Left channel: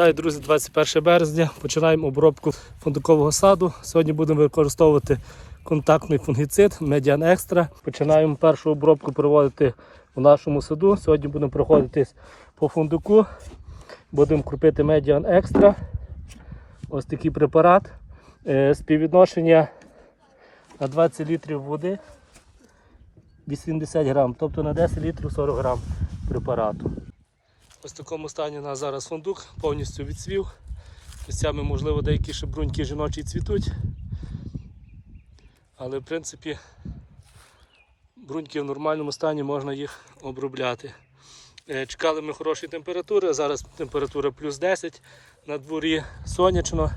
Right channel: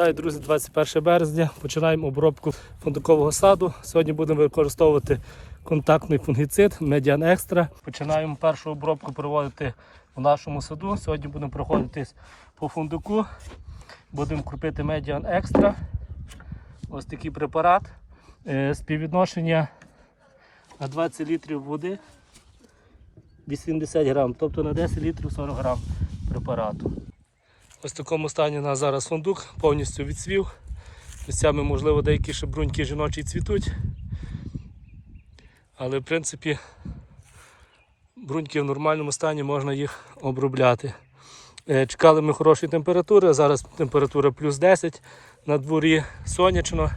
Вітаю, друзі, 21 березня. Починаємо обробку фундукового саду. Сьогодні будемо використовувати контактний фунгіцид Median Extra. Починаємо першу обробку проводити у нашому саду. Сьогодні будемо проходитись по фундуку. Будемо крупити Median Extra. Ось такий препарат. Е, Співвідношення на 20 літрів води 80 грам, тобто на 10 літрів 40 грам препарату. Ось в такому стані у нас зараз фундук повністю відцвів. Місцями, можливо, деякі ще бруньки жіночі цвітуть. Але в принципі бруньки в нормальному стані можна їх обробляти. Е, Чекали ми хорошої температури, зараз температура плюс 10 на дворі сонячно.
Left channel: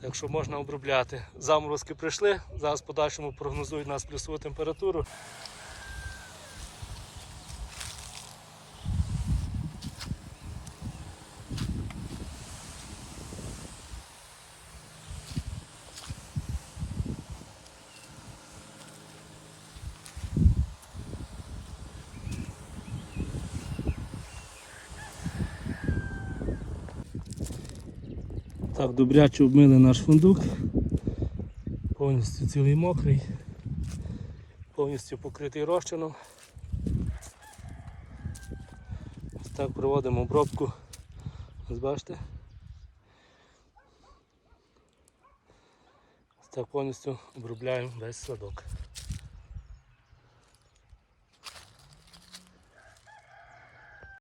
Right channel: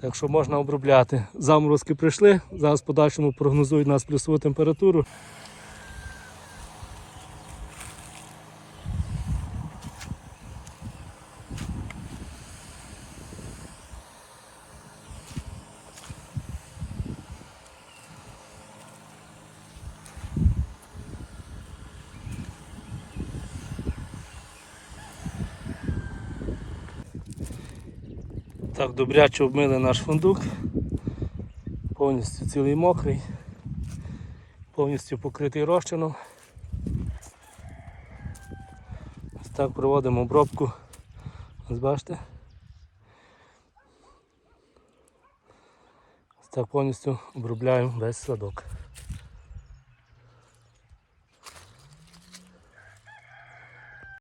Так що можна обробляти. Заморозки прийшли, зараз в подальшому прогнозують нас плюсову температуру. Так, добряче обмили наш фундук. Повністю цілий мокрий, повністю покритий розчином. Так проводимо обробку. Ось бачите. Так повністю обробляємо весь садок.